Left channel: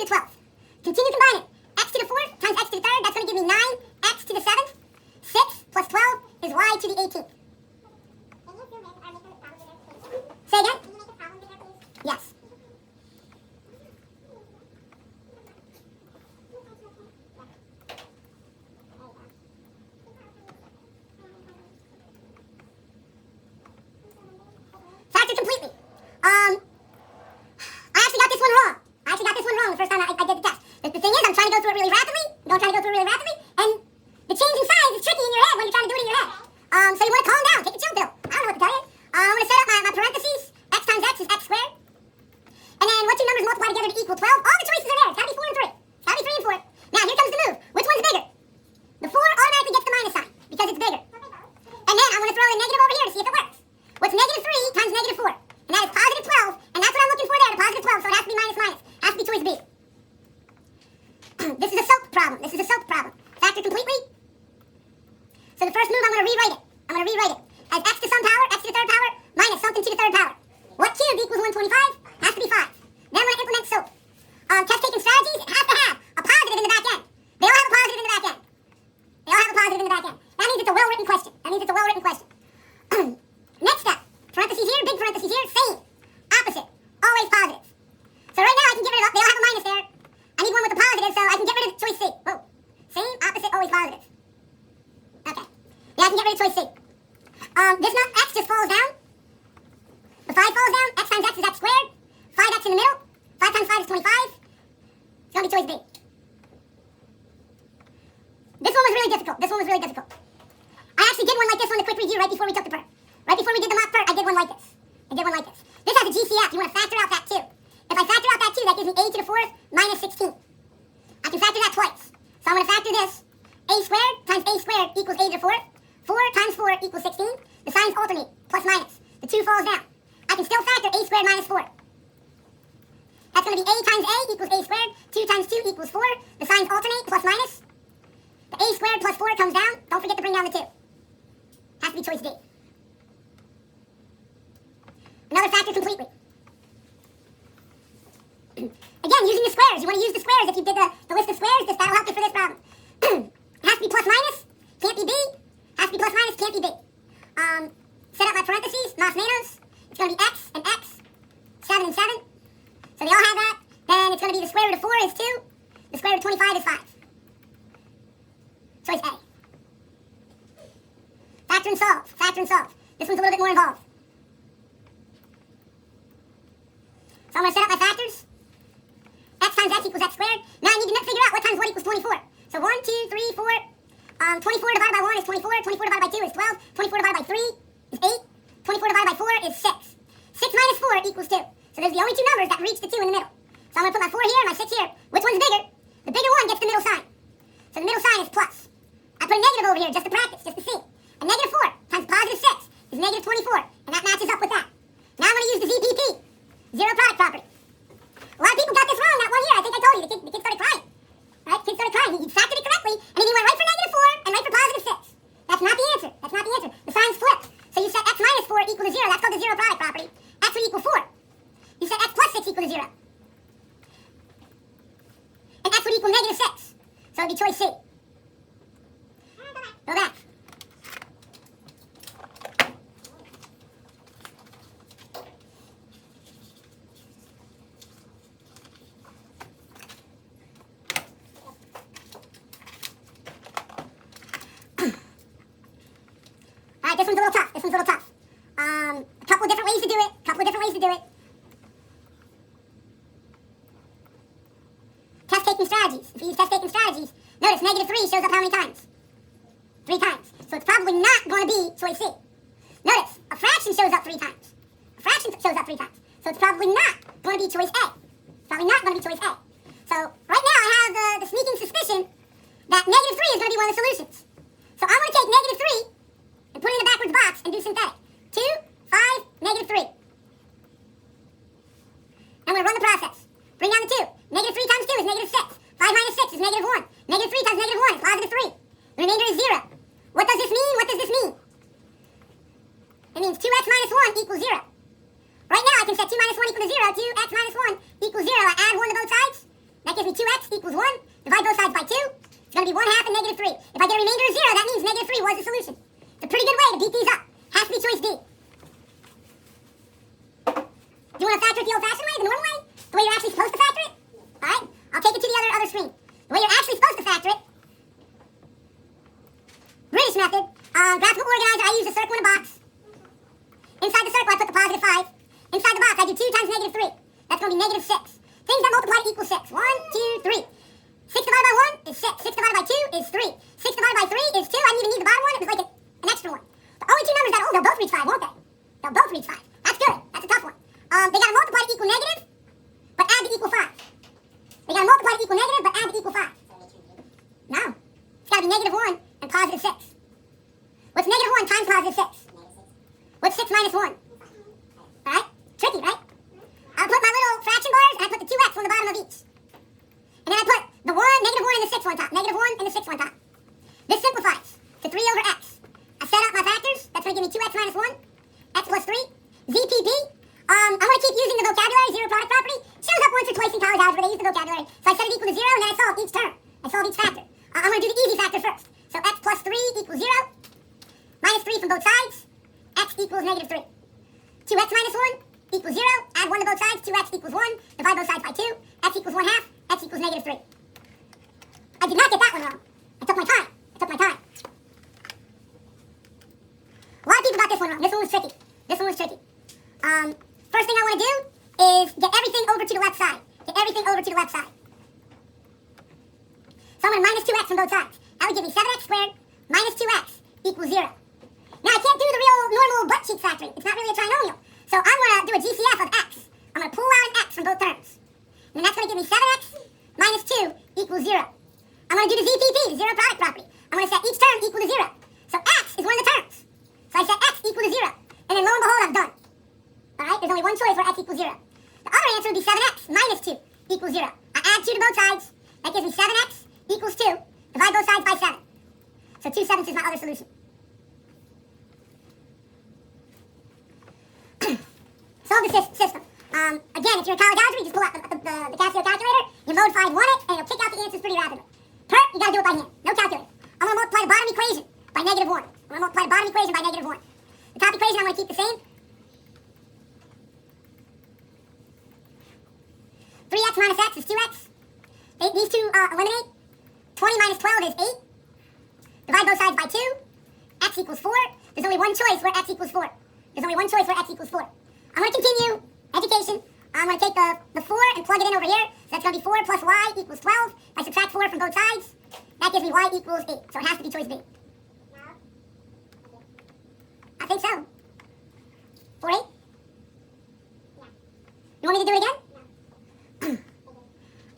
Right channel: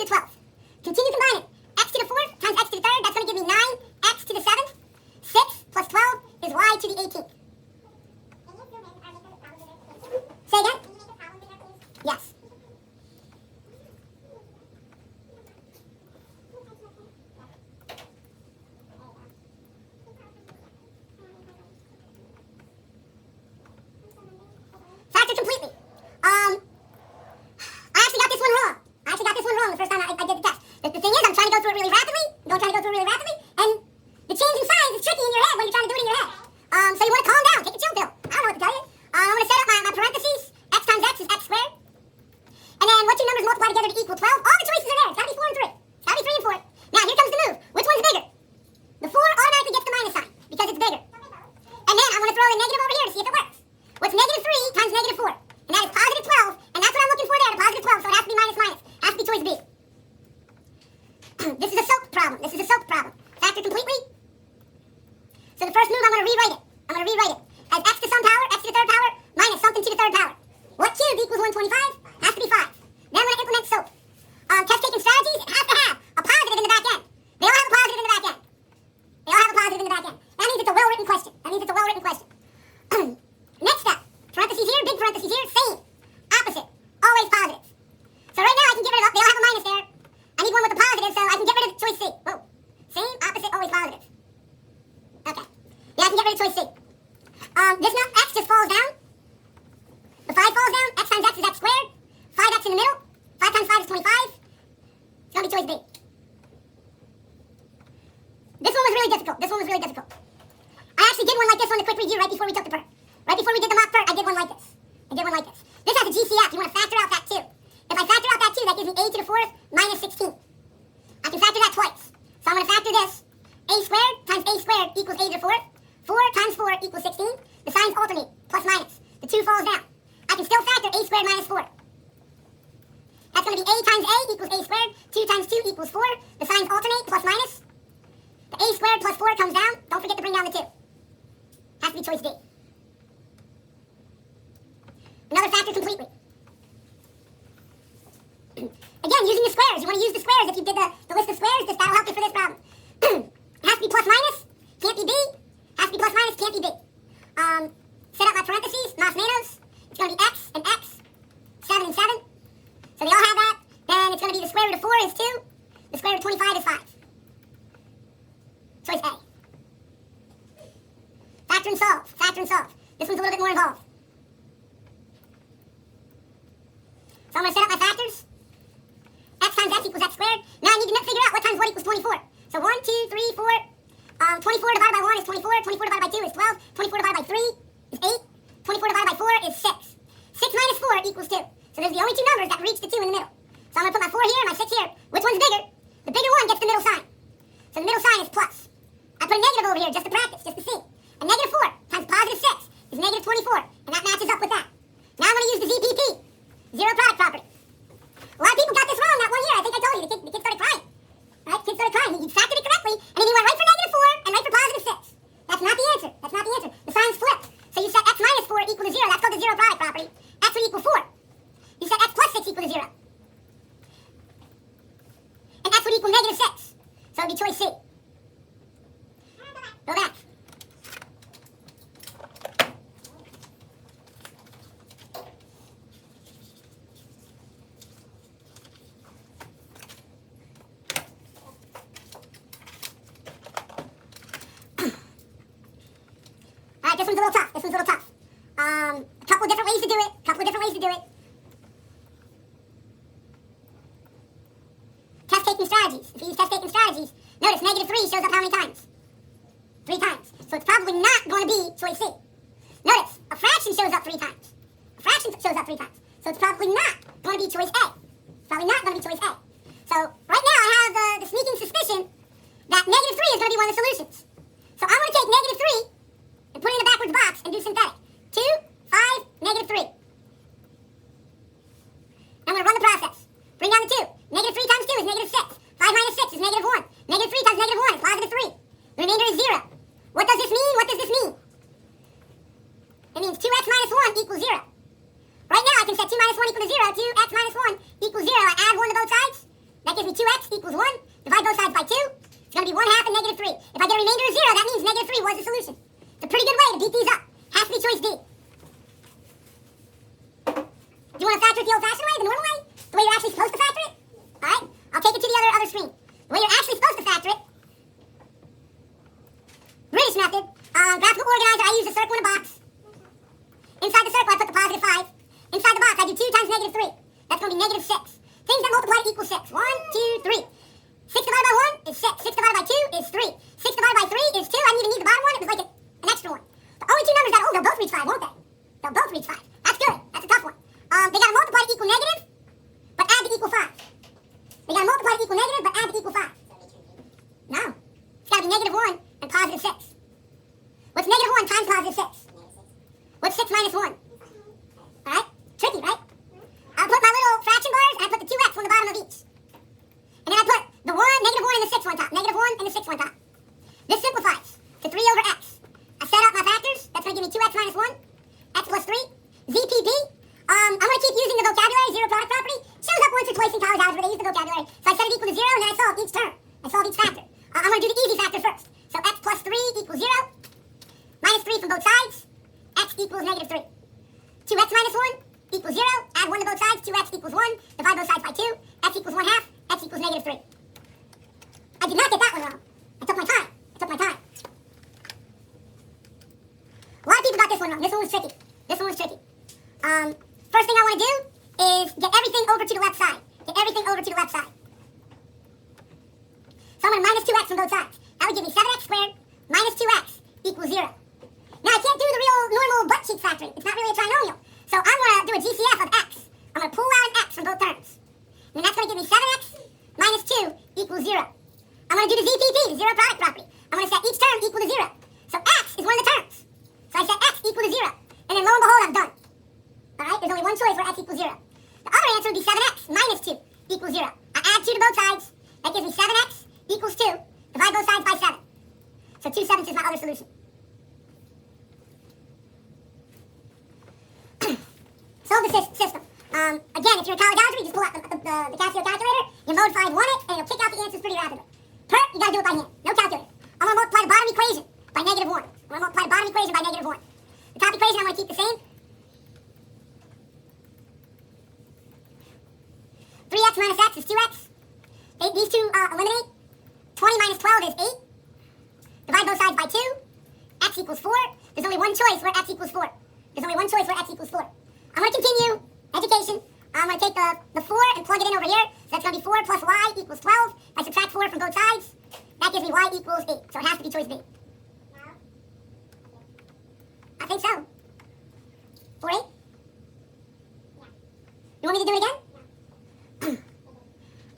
to the 12th. Continue combining. X to the 4th times x to the 3rd, that's going to give me 9x to the 7th. 6 plus 12 is y to the 18th. Say again? Yes. Factor completely. I actually got this one wrong. The first time I did the test. The thing is, I'm trying to go through it really rapidly. And the change in signs is tricky in your head when you're trying to do it in your head. So you want to calm down. Take a chill pill. I don't know what to tell you. I'm going to set up my parentheses. X times x is x squared. And then what two numbers multiply together to equal 12? All the choices are there. It's got to be 4 and 3. It's got to be 3 and 4. Now, here comes the move. Which one's bigger? The 4 automatically gets the minus sign because it's bigger. And then I want to throw a negative over here to see if it works. What's negative 3 times negative 4? And that is positive 12. And that's what I'm looking for there, the positive 12. So it has to be minus minus. It has to be choice B. This is a soap problem. Factor completely. So the first move, I'm going to rewrite it. As x to some power, x to the 3rd power, minus something to the 3rd power. What cubed equals 125? Has to be 5. Then I'm going to implement soap. Test taking strategies, it has to have a positive in the back end. They all have a positive in the back end. That means it's a well-written question. Next step. Parentheses here, big parentheses here, same. Opposite. Always positive. So right now I can get rid of, they all have a minus there. I need one with a positive, so I can get rid of choice C. Whoa. Same, opposite, always positive. Okay. Yeah, I can get rid of choice C. This number, x just falls down. The 5 falls down. X times x is x squared. 5x in the middle. 5 times 5 is 25. It's going to be choice B. This one was really difficult. I actually did one like this on the quick review right before we took the PERT. Right before we did the mock PERT, I did one like this. This has a GCF. You want to factor out that 2. If I factor out that 2, that gives me a to the 4th minus 16. I can factor that twice. So I'm going to factor this. A squared times a squared equals a to the 4th. 4 times 4 equals 16. The signs alternate, plus minus. The 2 falls down. I can still factor a squared minus 4. That's going to be a times a equals a squared. 2 times 2 equals 4. The signs alternate, plus minus. The a squared plus 4 comes down. Don't forget to bring down the 2. Has to be choice D. Another factor completely. Again, using the squares. You want to use the squares. If you did the list of squares, that'll help you for this problem. It has to be plus minus. Can't be B. Has to be plus minus. Can't be B. Set up my parentheses. Mas menos. It's going to be x and x. 7 and 7. So they all have that. Then it's going to be the square root of 4 is 2. The square root of 25 is 5. Choice A. Factor and solve. This one's a little bit more involved. So I'm going to set up my factors. X times x equals x squared. Now I need to figure out what times what equals 24. So 1, 2, 3, 4. 24 divided by 1 is 24. 24 divided by 2 is 12. 24 divided by 3 is 8. 24 divided by 4 is 6. 6 minus 4 equals 2. So there's the only two numbers that reach the 2 in the middle. So I'm going to put my 4 here and my 6 here. Which one's bigger? The bigger one gets the middle sign. So the middle sign is plus. I put a negative over here just to practice, just to see. A negative 4 times positive 6 is negative 24. And that matches up with that. Now I'm going to use the ZPP. Zero product property. A lot of people got this wrong that one year. I think I told you. The kid started crying. Right? Kid started crying. He factored it correctly, and then he went right for negative 4 and right for positive 6. That's not the answer. The signs flip. So you set x minus 4 equal to 0. That's called the zero product property. X would equal 4. You set x plus 6 equal to 0. And x would equal negative 6. So it would be choice C. Go back. This one's a little tough. A couple of different ways to do it. Test taking strategies. If you use test taking strategies, notice negative 3 shows up how many times? 3 times. So it's probably not going to be choice C. Notice, a fraction shows up 3 times. So it's probably not going to be choice A. So right now I have the sneaking suspicion that negative 3 is going to be one of the solutions. So I'm going to take negative 3 and put it in the backwards box and do synthetic. 2, 5, negative 3. I'm going to run the process. Bring down the 2. Negative 3 times 2 is negative 6. 5 minus 6 is negative 1. Negative 3 times negative 1 is positive 3. The remainder is 0. What does this mean? It means 2x minus 1 equals 0. Right now I can set 2 minus 1 equals 0. 2x minus 1 equals 0. I add 1 to both sides. That gives me 2x equals 1. Divide both sides by 2. It's going to be 1 half and negative 3. If I get a remainder of 0, that means negative 3 was the solution. It's a pretty good way to beat these up. Has to be choice D. Do you want to factor it the old-fashioned way, the normal way? The way you're actually supposed to factor it? Alright? I'll take it to the other screen. The way you're actually supposed to factor it. British method. Graphical organizer, I use a circle in a box. Inside the circle, I put the positive 5. Inside the box, I do 2 times negative 3. That's going to be negative 6. Things that multiply equal 6. 1, 2, 3. 6 divided by 1 is 6. 6 divided by 2 is 3. 6 divided by 3 is 2. I didn't even need the bottom one. It was like an extra one. The only two numbers that, they'll both reach 5, won't they? They'll both reach 5. That's good. That's a tough one. They got to multiply to equal negative, but add to equal 5. They got to multiply to equal negative, but add to equal 5. No. It's got to be negative 1 and positive 6. What's negative 1 times positive 6? What's 6 minus 1? Alright? Tricky, right? I'll put my little fraction bars, and I put the 2x on the bottom of each. And then I put the 1, negative 1, and the 6 on top. Negative 1 and the 6 on top. This simplifies to 3 over x. I set up my factors. That's going to give me 2x minus 1. X plus 3. ZPP. I'm going to keep using the vocabulary, zero product property. Shows up once or twice in college algebra. They use the vocabulary. So I set it equal to 0, and then I solve each term. I solve each factor. I'm going to do the easy factor first. So x plus 3 equals 0. Minus 3 from both sides. X equals negative 3. 2x minus 1 equals 0. Add 1 to both sides. 2x equals 1. Divide both sides by 2. X equals 1 half. X equals negative 3. I did not get that one wrong. I took my time. A lot of people got this one wrong. This one was tricky. First thing I want to do is get everything over to the left side. So I'm going to minus 2x from both sides. That would give me 7x squared minus 2x equals 0. Now, I can't do the real normal butt cheek factoring. It's not really a trinomial. So I'm going to do a GCF of x. I'm going to pull out an x from both terms. And that's going to give me 7x minus 2 equals 0. I'm going to do the ZPP, the zero product property. I'm going to set each term equal to 0. So x is one of the terms. So I set x equal to 0. And then lo and behold, I'm done. Alright, there's only one choice where x equals 0. The other answer would be 7x minus 2 equals 0. I add 2 to both sides. That gives me 7x equals 2. Divide both sides by 7. So 2 sevenths is my other solution. Solve the system. Again, if you're in college algebra, you just pull out the Casio calculator, you mode 5 1 it, and it'll kick out the answers pretty rapidly. PERT, you gotta do it by hand. No calculator. I'm gonna multiply the bottom equation by negative 1. The top equation I'm gonna keep the same. 3x minus x is 2x. These two eliminate. 20 minus 12 is 8. Divide both sides by 2. X equals 4. There's only one choice where x equals 4. I'm going to continue education. I'm going to take the 4 and plug it in over here. So that's going to be 4 plus y equals 12. I subtract 4 from both sides. That gives me y equals 8. So it has to be choice B. I think so. 4, 8? You want me to do it again?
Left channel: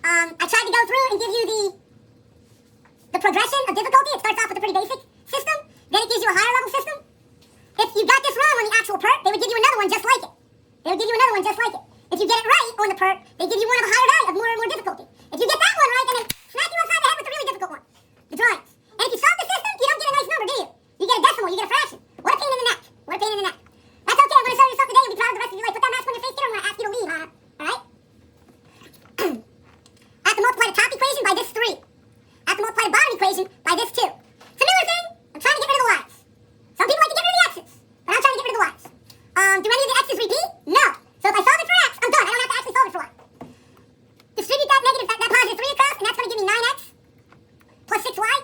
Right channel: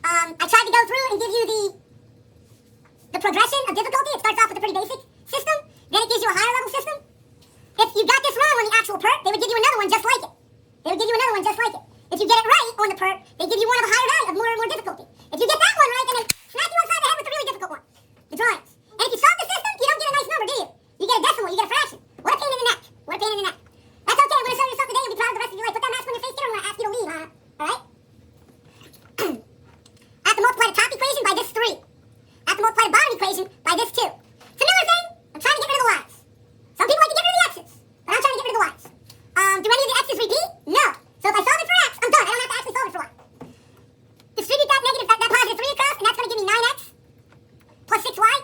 I tried to go through and give you the progression of difficulty. It starts off with a pretty basic system. Then it gives you a higher level system. If you got this wrong on the actual PERT, they would give you another one just like it. If you get it right on the PERT, they give you one of a higher value of more and more difficulty. If you get that one right, then they smack you upside the head with the really difficult one, the drawings. And if you solve the system, you don't get a nice number, do you? You get a decimal, you get a fraction. What a pain in the neck. That's okay, I'm going to show you something today. You'll be proud of the rest of your life. Put that mask on your face, kid, I'm going to ask you to leave, Hannah. Alright? I have to multiply the top equation by this 3. I have to multiply the bottom equation by this 2. Similar thing, I'm trying to get rid of the y's. Some people like to get rid of the x's, but I'm trying to get rid of the y's. Do any of the x's repeat? No. So if I solve it for x, I'm done. I don't have to actually solve it for y. Distribute that positive 3 across, and that's going to give me 9x plus 6y.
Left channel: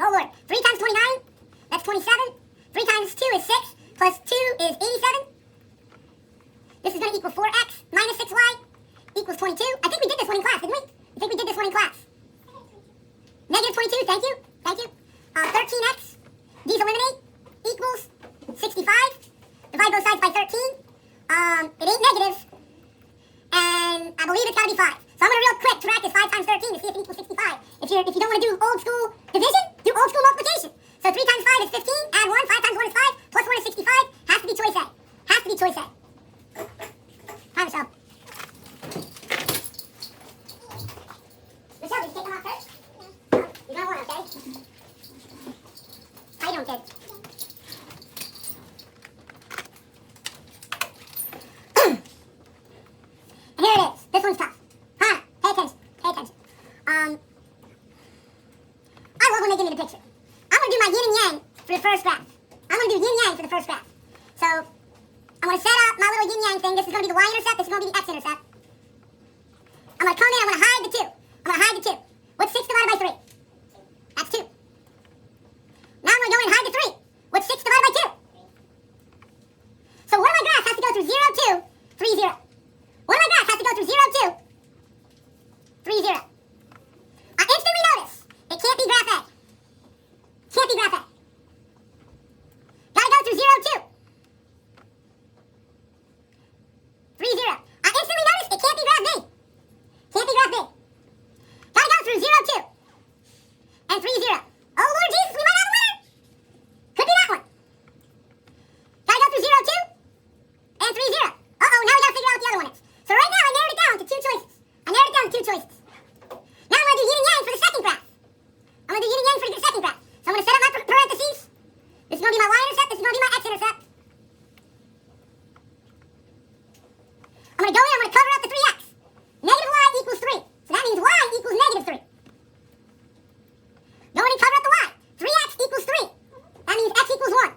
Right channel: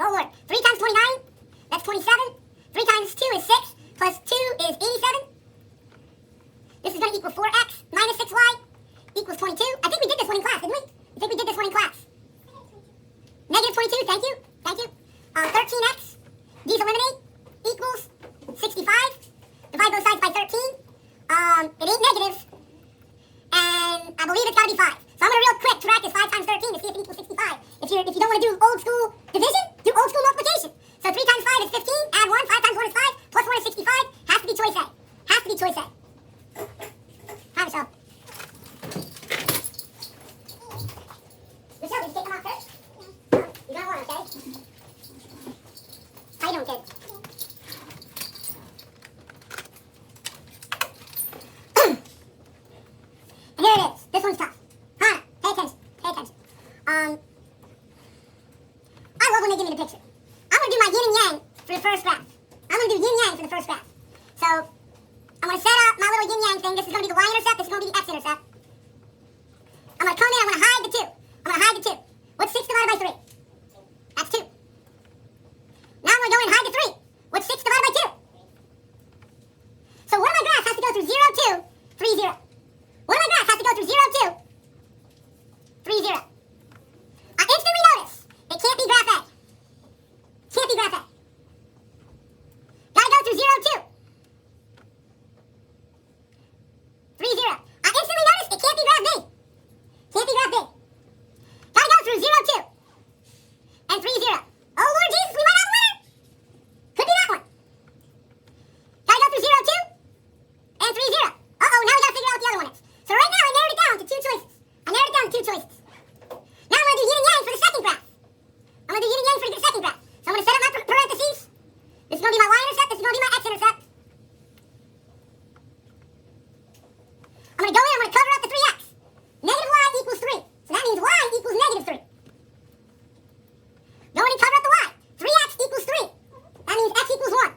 Oh Lord. 3 times 29, that's 27. 3 times 2 is 6, plus 2 is 87. This is going to equal 4x minus 6y equals 22. I think we did this one in class, didn't we? Negative 22, thank you. 13x, these eliminate, equals 65. Divide both sides by 13. It ain't negative, and I believe it's got to be 5. So I'm going to real quick practice 5 times 13 to see if it equals 65. If you don't want to do old school division, do old school multiplication. So 3 times 5 is 15, add 1, 5 times 1 is 5, plus 1 is 65, has to be choice A. Hi, Michelle. Michelle, did you take them off first? You don't want to, okay? How you doing, kid? And here it is. This one's tough. Hannah, pay attention. thing. This is going to be the y-intercept. This is going to be the x-intercept. I'm going to come in. I'm going to hide the 2. I'm going to hide the 2. What's 6 divided by 3? That's 2. Now I'm going to go in and hide the 3. What's 6 divided by 2? So one of my graphs has to go through 0, 2, 3, 0. One of my graphs has to go through 0, 2, 3, 0. I instantly notice it can't be graph A. Can't be graph A. Gotta go through 0, 2. 3, 0. I instantly notice it can't be graph B. Can't be graph B. Gotta go through 0, 2. And 3, 0. Oh, Lord Jesus, we might have a winner. Could be that one. Gotta go through 0, 2. And 3, 0. Uh-oh, now we gotta figure out what the other one is. So right now I narrowed it down to 2 choices. Now I'm gonna do yin and yang for the second graph. I'm gonna do yin and yang for the second graph. So I'm gonna set up my parentheses. This is gonna be my y-intercept. This is gonna be my x-intercept. I'm gonna go in. I'm gonna cover up the 3x. Negative y equals 3. So that means y equals negative 3. Go in and cover up the y. 3x equals 3. That means x equals 1.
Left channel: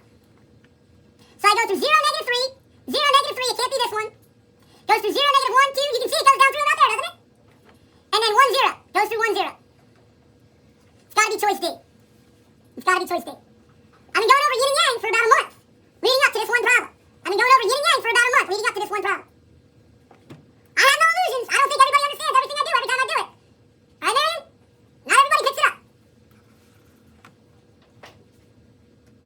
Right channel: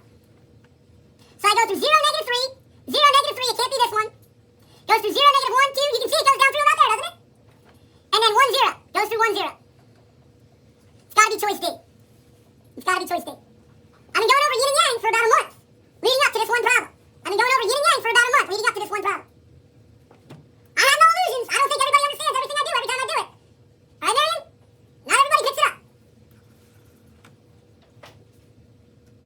So I go through 0, negative 3. 0, negative 3. It can't be this one. Goes through 0, negative 1, 2. You can see it goes down through about there, doesn't it? And then 1, 0. Goes through 1, 0. It's gotta be choice D. It's gotta be choice D.